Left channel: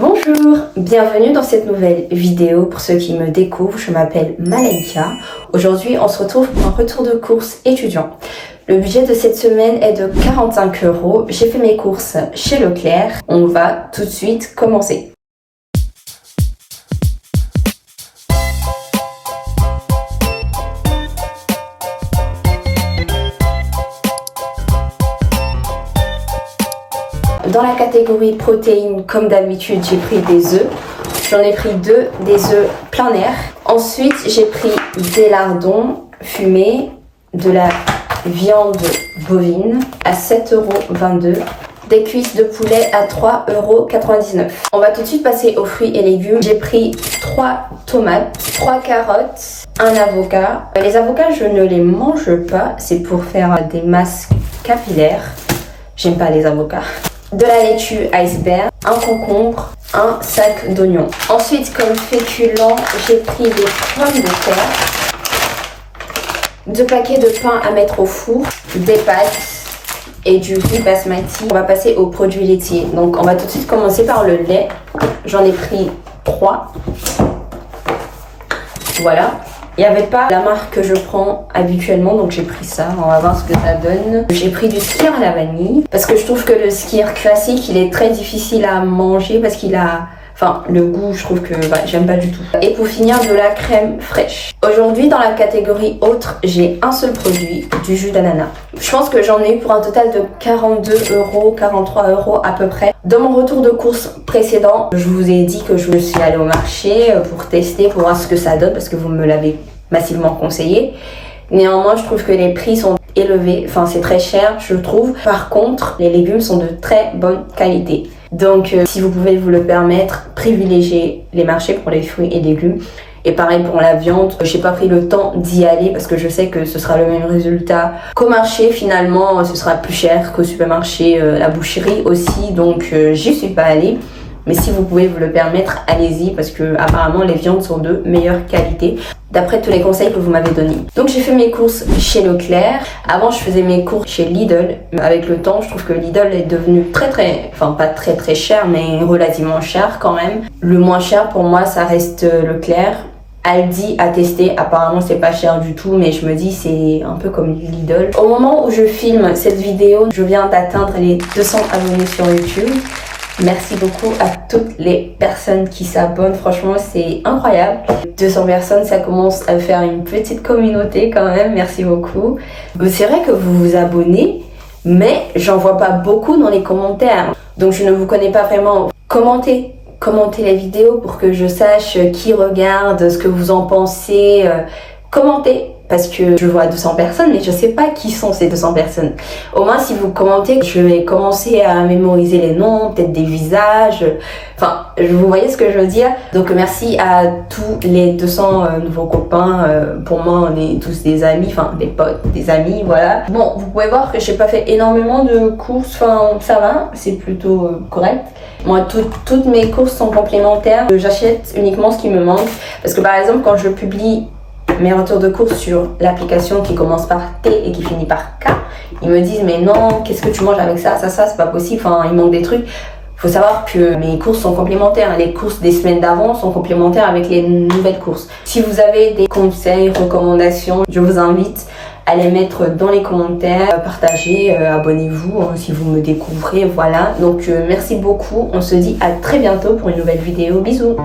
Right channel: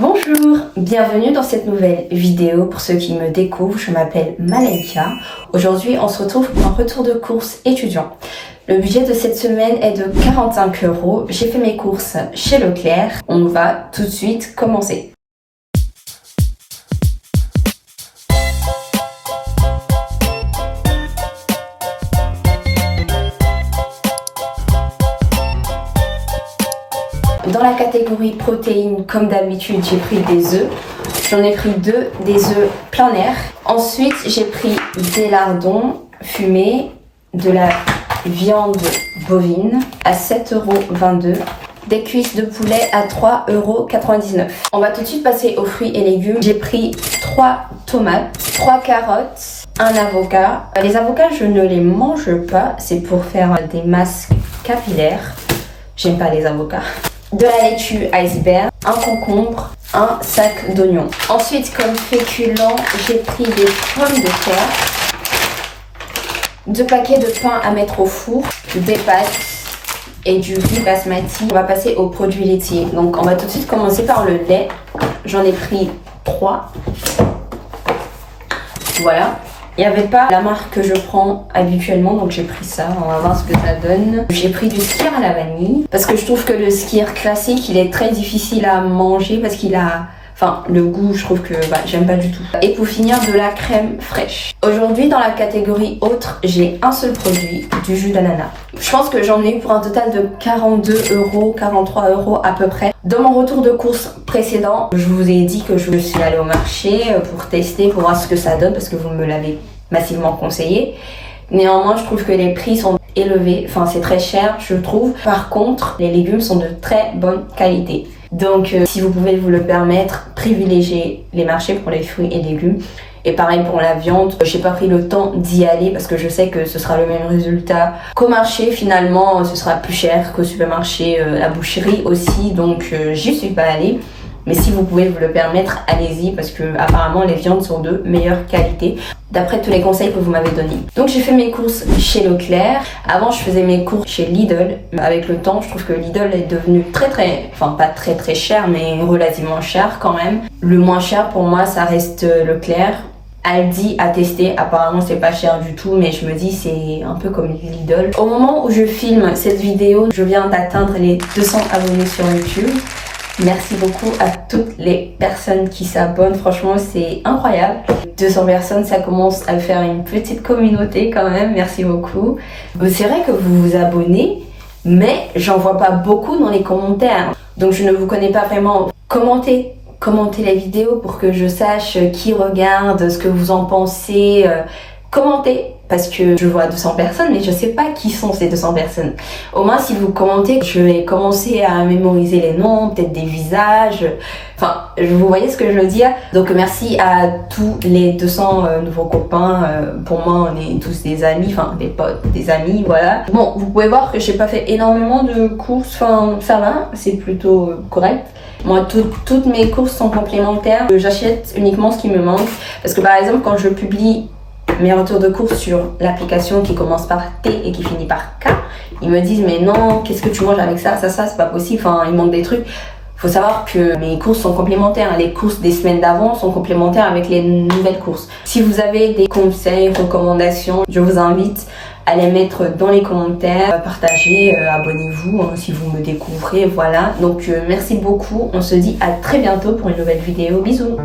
Bonjour, bienvenue dans cette nouvelle vidéo. Pour ceux qui me découvrent, je m'appelle Malaika. Aujourd'hui, on se retrouve pour un retour de course étudiant. Le budget de cette semaine est de 45 €. J'ai fait mes courses chez Leclerc. On va tout de suite commencer. Dans la catégorie protéines, comme d'habitude, j'ai pris des œufs. J'en ai pris deux, des œufs plein air. Ensuite, j'ai pris des lardons fumés, de la viande bovine à 7,22 €, des cuisses de poulet à 3,99 €. On va tout de suite passer aux fruits et légumes. J'ai pris 3 tomates, 3 carottes, un avocat. Les avocats, je ne les mange pas, c'est pour faire des masques capillaires. J'aime pas les avocats. De la laitue iceberg, un concombre, un sac d'oignons. Ensuite, comme féculent, j'ai pris des pommes de terre, 2 paquets de pain à mettre au four, des pâtes et du riz basmati. On va passer aux produits laitiers. Donc, on va tout de suite commencer par le lait. J'en ai pris 3. Voilà. Il n'y avait pas la marque que je prends habituellement, donc j'ai pris ça. On va voir ce que ça donne. J'ai pris du skyr à la vanille, parce que je trouve que le skyr classique, il est très difficile à manger, parce qu'il a... Enfin, le goût, je trouve que j'aime pas du tout. Et pour finir, de la crème fraîche. Aujourd'hui, dans la catégorie autre, j'ai un seul produit, du jus d'ananas. Je pense que j'en ai eu pour un total de 42 €, 43 € à peu près. Dans mon retour de course précédent, je vous ai dit que je suis allée au marché pour tester, pour voir ce que ça donne, parce que vous me l'avez massivement conseillé. Néanmoins, je trouve que les prix sont élevés. Enfin, c'est très cher, je trouve. Par contre, les légumes sont de très bonne qualité. Donc, si vous pouvez vous le permettre, privilégiez les marchés pour les fruits et légumes. Et pareil pour la viande, j'ai pas pris le temps d'y aller parce que je sais que ce sera le même résultat qu'au marché. Finalement, ce sera plus cher qu'au supermarché, la boucherie aussi. Donc, j'y suis pas allée. Mais si vous pouvez vous le permettre, allez-y parce que apparemment les viandes sont de meilleure qualité d'après tous les conseils que vous m'avez donnés. Donc j'ai fait mes courses chez Leclerc. Avant je faisais mes courses chez Lidl. Avec le temps, je trouve que Lidl est devenu pas très cher, mais relativement cher quand même. Le moins cher pour moi, ça reste Leclerc. Aldi à tester, apparemment c'est pas cher du tout, mais je me dis c'est un peu comme Lidl. Au moment où je filme cette vidéo, je viens d'atteindre les 200 abonnés sur YouTube. Merci beaucoup à toutes les personnes qui s'abonnent, franchement c'est incroyable. 200 personnes, ça commence à faire une petite communauté quand même, merci beaucoup. C'est vrai que vous vous abonnez, mais j'en vois pas beaucoup dans les commentaires. Donc je ne vous connais pas vraiment. Commentez les vidéos pour que je sache qui regarde, ce que vous en pensez. Commentez. Parce que je vois 200 personnes, mais je sais pas qui sont ces 200 personnes. Au moins, si vous commentez, je vais commencer à mémoriser les noms, peut-être des visages. Enfin, vous voyez ce que je veux dire? Donc, merci à tous les 200 nouveaux copains. Pour moi, on est tous des amis, enfin, des potes, des amis, voilà. Bon, vous pouvez voir que j'ai pas fait énormément de courses. Enfin, ça va, c'est plutôt correct. Moi, toutes mes courses sont complémentaires. J'achète uniquement ce qui me manque. Parce que, par exemple, quand je publie mes retours de courses sur l'application qui commence par T et qui finit par K, ils me disent mais non, qu'est-ce que tu manges avec ça, c'est pas possible, enfin il manque des trucs. Faut savoir que mes courses sont complémentaires, les courses des semaines d'avant sont complémentaires avec les nouvelles courses. Si vous avez des conseils, recommandations, je vous invite à les mettre dans les commentaires, partagez, abonnez-vous si vous me découvrez, voilà. Donc merci beaucoup, on se dit à très bientôt pour une nouvelle vidéo, bisous.